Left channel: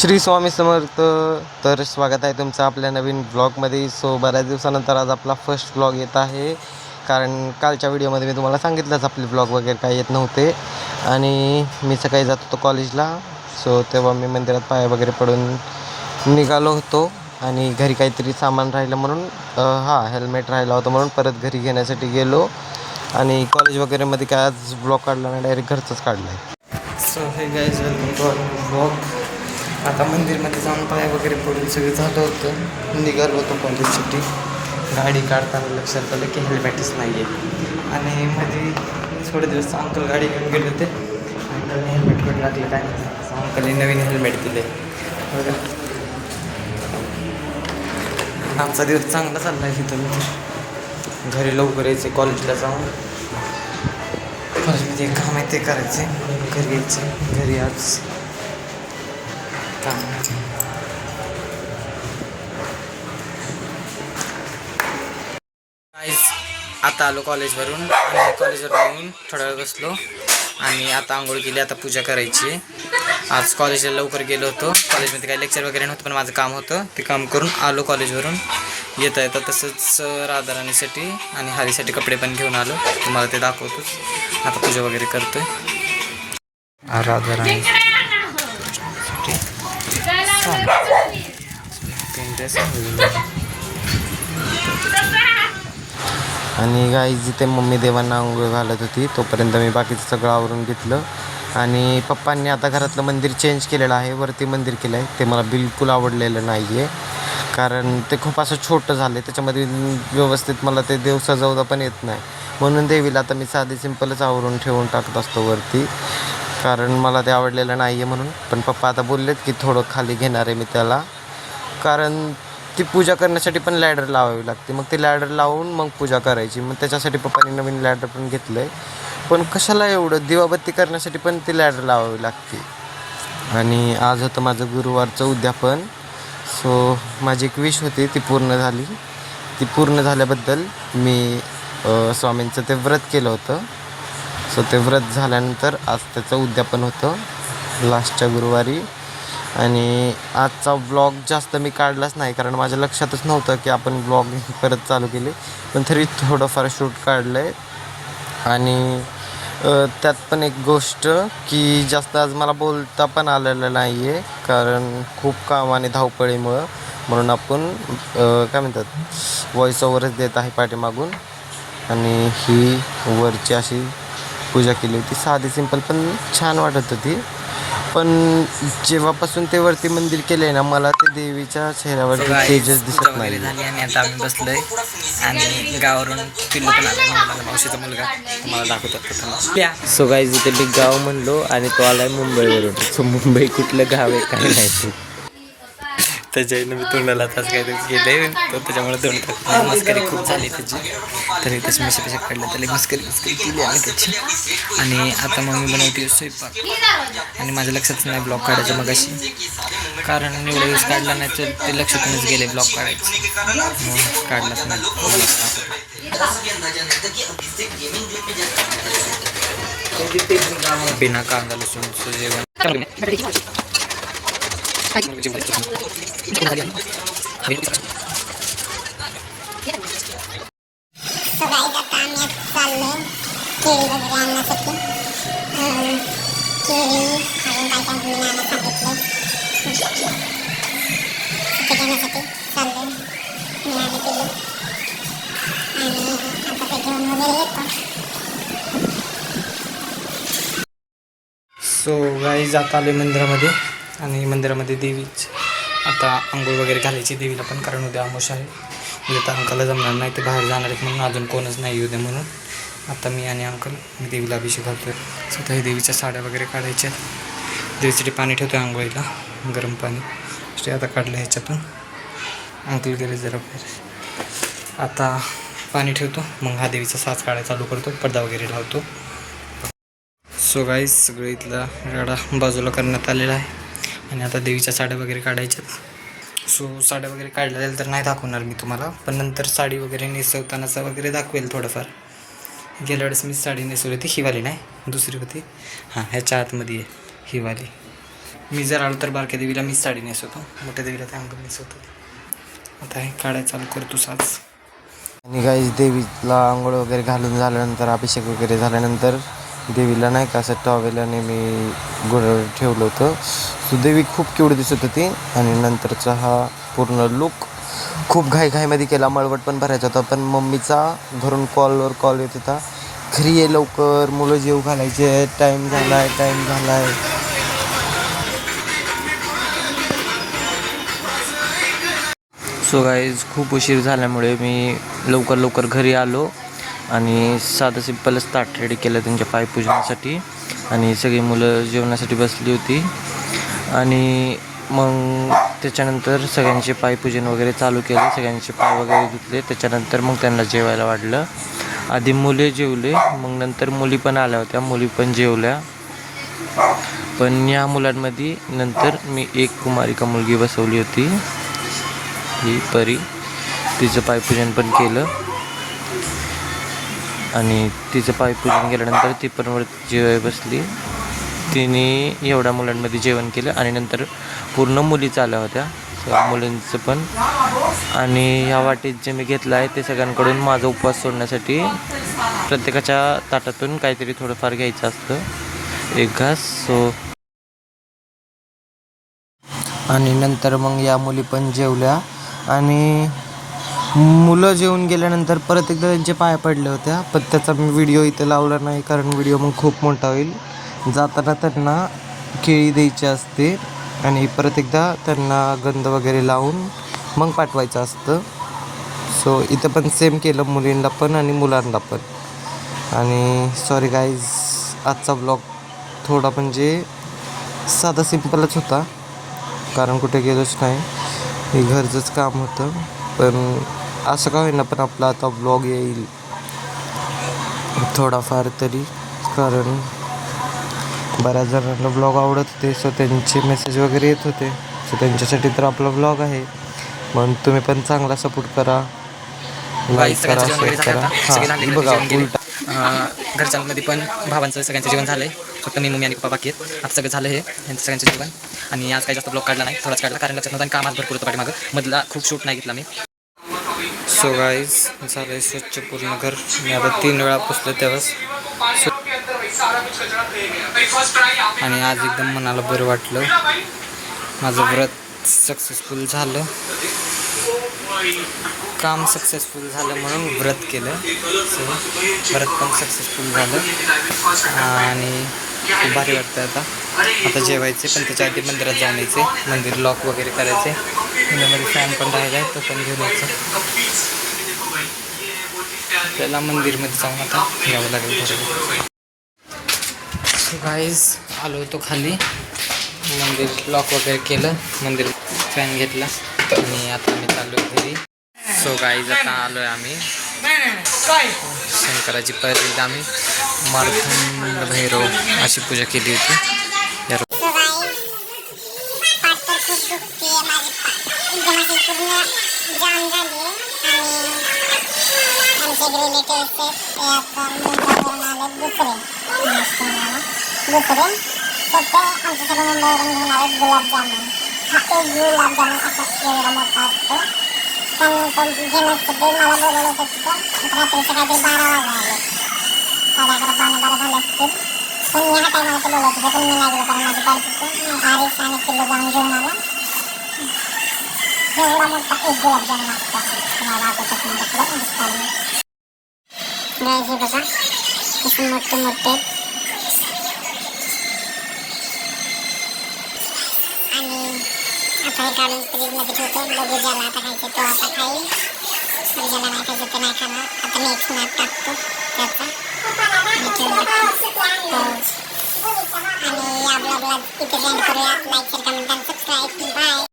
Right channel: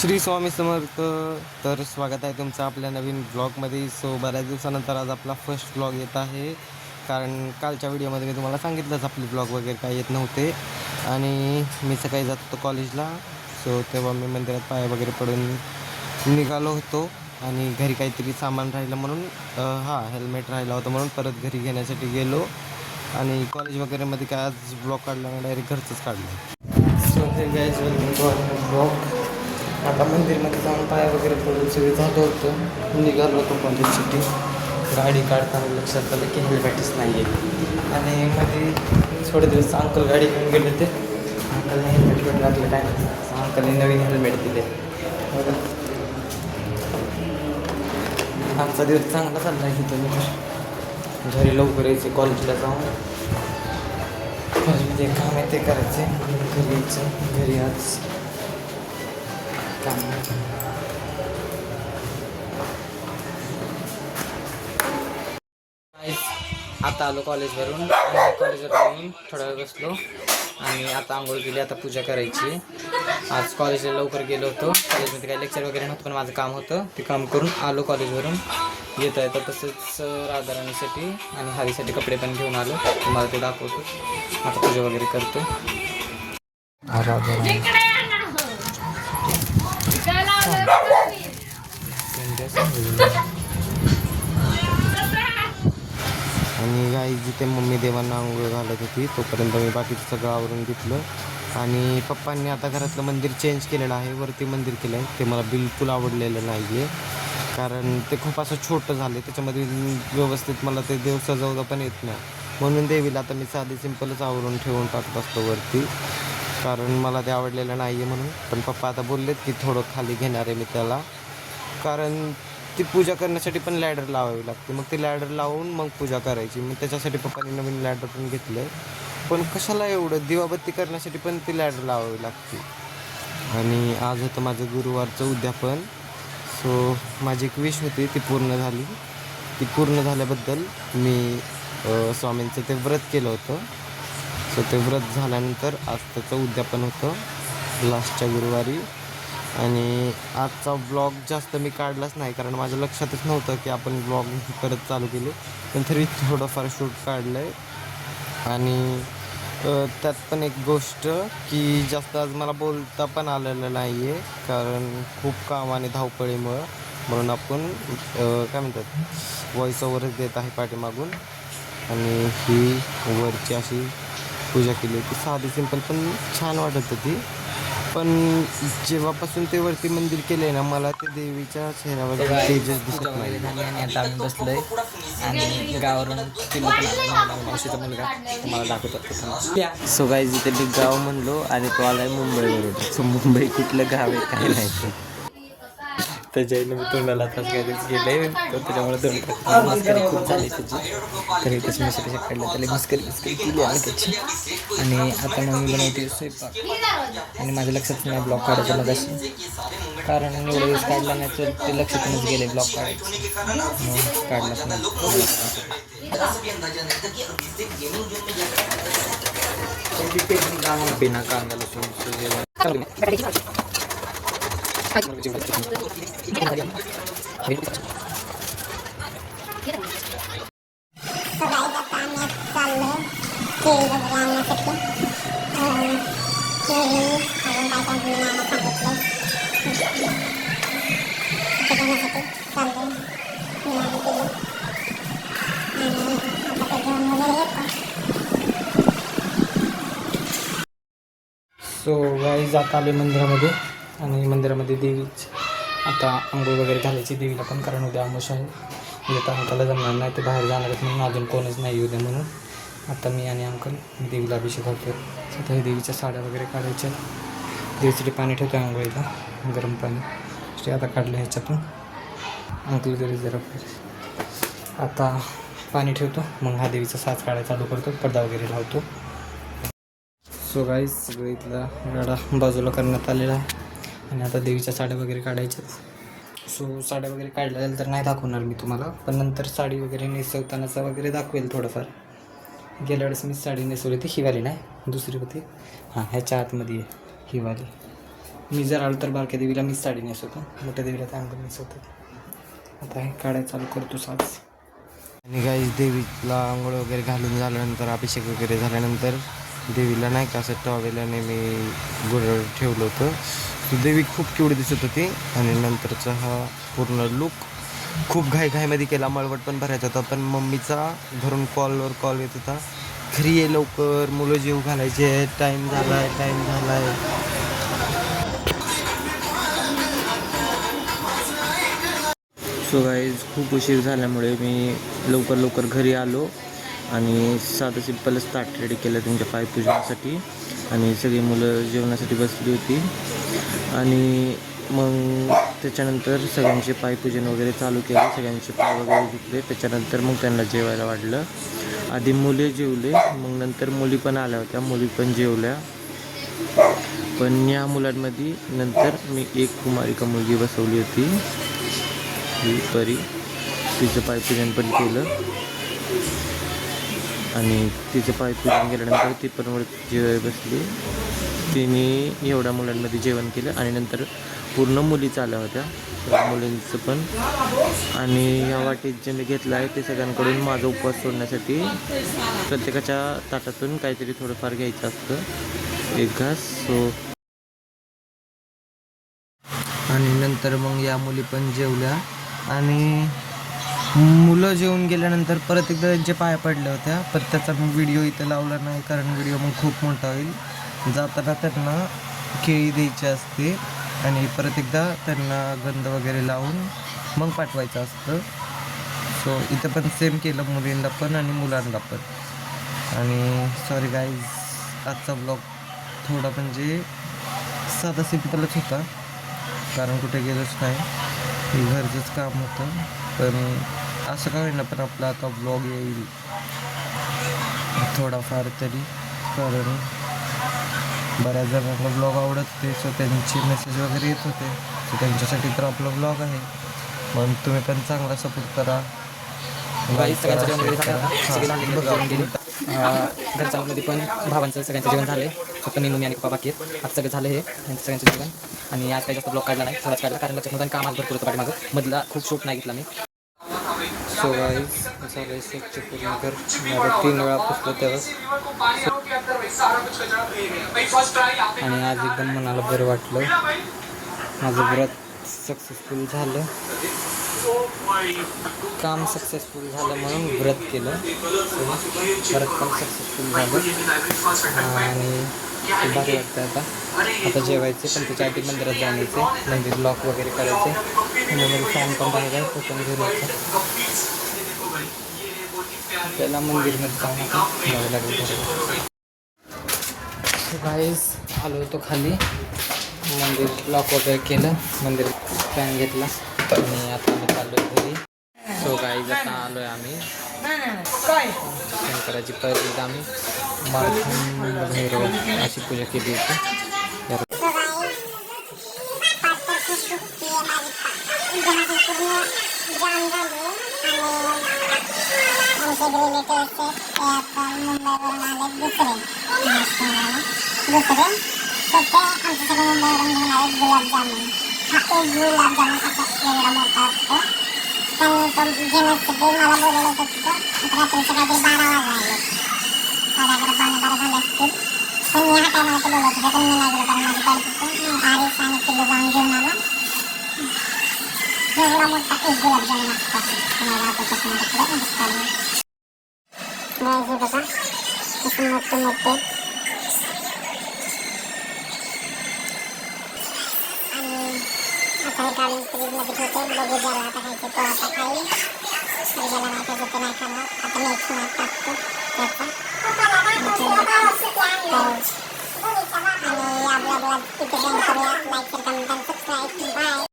श्री स्वामी समर्थ. तर स्वागत आहे तुमचं आपल्या नवीन ब्लॉगमध्ये. सो बऱ्याच दिवसानंतर आज आपला फर्स्ट ब्लॉग येत आहे, कारण कालच्या व्हिडिओमध्ये मी तुम्हाला सांगितलंच आपले ब्लॉग वगैरे काही येत नव्हते. आणि मी सकाळी जात होतो कॉलेजला. सो तेव्हा मी मंदिरात पाय वगैरे पडून निघालो होतो आणि घरी काहीतरी सामान राहिलं म्हणून हेल्मेट राहिला होता म्हणून परत घरी घेण्यासाठी गेलो. आणि कॉलेज वगैरेमध्ये काय आज ब्लॉग काढला नाही, डायरेक्ट घरचंच काढलं आहे. So hey guys, welcome to our blog. आता मंदिरमध्ये जाऊन पाय वगैरे पडून सगळं झालं होतं. निघालो होतो कॉलेजसाठी. गाडी काढताना लक्षात आलं की हेल्मेटच नाही आहे. आणि मध्ये थोडे दिवस अंकल गाडी घेऊन गेले होते. अंकलने हेल्मेट घेऊन टाकलं, काय अंकलने नवीन हेल्मेट दिले बघा. आजचा दिवस चांगला चालला आहे. इथं मी घरी लवकर यायचे, कॉलेजला जाऊन कॉलेजमध्ये काम आहे ते करायचे, घरी यायचे. घरी आज काम आता आलो कॉलेजवरून. आणि कॉलेजवर येऊन थोडा वेळ बसलो आणि आता आंघोळ केली. आता पूजा करायची. आज कॉलेजला लवकर गेलो होतो. कॉलेजमध्ये काही लेक्चर वगैरे नव्हतं, पण माझं काम होतं, ते काम करून आलो कॉलेजवरून. येता येतं तसंच राधाराणीसाठी आणि हरीसाठी कपडे पण घेऊन आलो, तुम्हाला ते दाखवतोच. आता पूजा वगैरे करतोय. राधाराणी आणि गाईज जिथे मम्मी देवांना आंघोळ घालत होती तोपर्यंत मी बाकीचं सगळं आवरून घेतलं. आणि पप्पांनी आता घरातलं मंदिर चेंज केलेलं आहे, वरती मंदिर केलं आहे. ते मला बिलकुल आवडलेलं नाही आहे, कारण ते खूप असं छोटं झालं आहे. त्याच्यामध्ये व्यवस्थित मला ते देव सजवता पण येत नाही. म्हणून देवीला आता मी साधी सिंपलच आवरून ठेवून टाकत असतो वरती, कारण मला ते आवडलेलं नाही आहे म्हणून. पण पप्पा आता बोललेत की थोडं खाली घेणार आहे मी त्याला, कारण ती पूजा करण्यासाठी पण लॅडर लावावी लागते. मग ते लॅडर लावून मग पूजा करायची. मग त्याच्यासाठी पप्पांनी नवीन लॅडर पण घेतलं आहे. पण कशाला एवढं, दिवाबत्ती करण्यासाठी पण ती लॅडर लावावी लागते. आणि आज होतं माझं गुरुवारचं उद्यापन. सो माझी एक विश होती, ती पूर्ण झाली. ती पूर्ण झाल्याबद्दल मी स्वामींचं ते व्रत केलं होतं. सो ते व्रत झाल्यानंतर आज त्याचं उद्यापन होतं लास्टच्या गुरुवारी. आणि आजचा ब्लॉग जास्त मी काढलाच नाही, कारण माझ्या लक्षातच नव्हतं की आपण ब्लॉग परत चालू केले. पण तरी थोडंफार शूट काढलं आहे. आणि त्यात पण एक गोष्ट की जास्त आज मला बोलता पण आलेलं नाही आहे, कारण खूप काम आणि धावपळीमुळं. म्हणून आपण काय म्हणतात, व्हॉइस ओव्हरच देत आहे पाठीमागून. आणि ही वरची अशी पूजा केली होती, साधी सिंपल पण छान वाटत होती. पण जेव्हापासून ते वरती मंदिर केलंय ना, मला ते देवीच्या चेहऱ्यावर तेजच दिसत नाही. झाली आणि आता आम्ही बसलोय आणि गावावरून पिल्लू पण आलाय, माझा मावशीचा मुलगा, तुम्हाला दाखवतात. सो गाईज, इथे मी गाव म्हणलो आणि तो आलाय मुंबईवरून. सो मुंबई कुठलं गाव आहे काय नाही, त्याच्यानं मी तोंडाला तास काहीतरी गेले, तर त्याच्यामुळे तोंड टाकत मस्करी खूप झाली त्याची. तरी त्याची मिशा काढल्या, त्याला मस्करी केली आम्ही त्याची. आणि आता मम्मी बनवते स्वयंपाक आणि माझ्या लक्षातच नाही ब्लॉग काढायचं मग अशी, कारण एवढा दिवस काढला नाही तर ते लक्षातूनच गेले ब्लॉग काढायचं, मग काढलाच नाही. बिना कांदा लसूणचं जेवण. सो गाईज, आता आलो मंदिरामध्ये. आणि मंदिरामध्ये देवीच आता आंघोळ वगैरे घालायची देवीला पण, कारण उद्या आमोश आहे. उद्या तर अंकलला जमणार नाही, ते बाहेर जाणार आहेत म्हणून, अजून कोणच नाही उद्या म्हणून. आता मी आणि अंकल देवीला अभिषेक घालतो आहे. स्वतः हे देवीच्या साड्या वगैरे काढायच्या. देवीसाठी पाणी ठेवतो आहे आंघोळीला, गरम पाणी. ते आता काढलं ह्याच्यातून. अंकल गेले जरा बाहेर. आता पाणी ठेवतो, मग हा देवीचा साच काढायला चालू करतो, पडदा वगैरे लावतो. सो गाईज, सगळं इथला गाडा बाजूला करण्यात आलेला आहे. आणि आता देवीच्या साड्या वगैरे काढायच्यात. सो साड्या वगैरे काढल्या तर नाही दाखवणार मी तुम्हाला, पण नंतर साडी वगैरे नेसवतानाचा वगैरे दाखवेल थोडंफार. गेल्या वेळेस मी साडी नेसवली होती, ही वाली नाही, दुसरी होती. ह्याच्या आतमध्ये आहे ही वाली. मी जर आलो तर बारक्या देवीला मीच साडी नेसवतो, मोठ्या देवीला त्या अंकल नेसवतो. आता हे काढाय चालू करतो साज. आणि गाईज देवीला आंघोळ वगैरे घालून झाल्यानंतर अभिषेक वगैरे झाल्यानंतर देवीला नाही का असं टॉवेलाने मी गुढ ठेवलं होतं. सो देवी खूप क्यूट दिसत होती. आणि नंतरचा हा पूर्ण लुक खूप घाईमध्ये केला. मळवट पण भरायचा होता, पण मम्मीचा घरून कॉलवर कॉल येत होता, घरी ये लवकर, मुलं जेव घालायचे, टाईम झाला आहे. सो गाईज खूप उशीर झाल्यामुळे मी लवकर घरी आलो आणि साधं सिम्पलच ताट रेडी केलं त्यांच्या पायपूजनासाठी. आणि सगळी मुलं जेवणासाठी बसली होती. आणि मग त्याच्यानंतर सगळ्यांचे पायपूजन वगैरे चालू केले, सगळ्यांचे पाय वगैरे धुतले. त्याच्यानंतर मग त्यांना जेवायला वाढलं. आधी मुले जेवले, मग नंतर मुली पण आल्या होत्या, मुली पण जेवल्या. पण या मुलांमध्ये नंतर मी एक कुमारिका मुलगी बसवली होती, ही परी. तिचं पायपूजन पण केलं आणि तिचं पायपूजन केल्यानंतर ती पण वरती जेवायला बसली. तिने एवढ्या मुलांमध्ये जेवण केलं आणि नंतर पूर्ण मुलीच आल्या होत्या, मुलींचं पण. आणि ह्या वाटीत जे मी घेतलं आहे ते सगळ्यांकडून माझा उपवास सोडण्यासाठी प्रत्येकाच्या ताटातून काहीतरी थोडंफार घ्यायचं असतं, एक घास. सो आणि नंतर मग या मुली पण जेवल्या. आणि मुलं जेवून गेल्यानंतर परत एकदा त्यांचे पाय पडले होत्या, पण त्याचा मी व्हिडिओ इथे लावला नाही, कारण व्हिडिओ मग खूप मोठा होईल. जाताना त्यांना केळी द्यायची असते आणि परत एकदा त्यांना गंध वगैरे लावून मग पाठवायचं असतं. सो इथं पण सेम केलं, मुलींना पण आणि मुलांना पण. आणि सॉरी गाईज, आजचा ब्लॉग थोडा म्हणजे साधा सिम्पलच होता, कारण कुठे गेलोच नाही, हे घरचंच काम होतं. पण असं का होईना, पण आपला आता ब्लॉग येईल थोडाफार तरी, कारण बऱ्याच जणांना ब्लॉग आवडत होते. सो त्यांचे मेसेज वगैरे येत होते. सो त्यांच्यासाठी तर आपला ब्लॉग आहे, म्हणून तुम्ही पण चांगला सपोर्ट करा. सगळ्यांचं जेवण वगैरे झालं आता, सगळे झाले जेवण गेले. घरच्यांमध्ये पण भावांचं सगळ्यांचं जेवण झालंय, फक्त मी, मम्मी आणि पप्पा बाकी आहेत. आता सगळं झालं हे यांचं सगळ्यांचं जेवण. आणि आज काही जास्त ब्लॉग काढला नाही, थोडाच काढला, कारण लक्षात नव्हतं आणि कामात भरपूर होतं पाठीमागं, मधला खूप शूट नाही घेतला मी. सो गाईज झालंय स्वच्छ पूर्ण घर. मी आता 3 वेळा पुसलं तेव्हाच. आणि आज एकदम मनाला बरं वाटलं, माझं व्रत सक्सेसफुल झालं, काम सक्सेसफुल झालं म्हणून व्रत केलं. व्रत पण सक्सेसफुल झालं आणि खूप भारी वाटतं. आता जेवायचे, पण त्याच्या आधी मंदिरात जाऊन यायचे, मंदिर लॉक वगैरे करायचे. पुण्यामध्ये फॅन पण राहिला आहे, तो पण घेऊन यायचा. त्याला मंदिरमध्ये जाऊन आता जावं लागेल थोडं. सो गाईज आलो होतो खाली, मंदिर लॉक वगैरे केलं, मंदिर फॅन घेतला आणि आता आम्ही चाललो घरी. सो गाईज आता आलो आहे आम्ही शंकराची पहिल्यांदा आम्ही मार्तंड भैरव अशी पूजा केली होती. आता हे काढून फ्रीजमध्ये ठेवतो, बघू ज्याला आता खायचं तो आता खाईल, ज्याला नाही खायचं ते नाही खाणार. आता मी एक स्नॅप टाकतो त्याचा आणि या ब्लॉगला इथे सेंड करूया. लाईक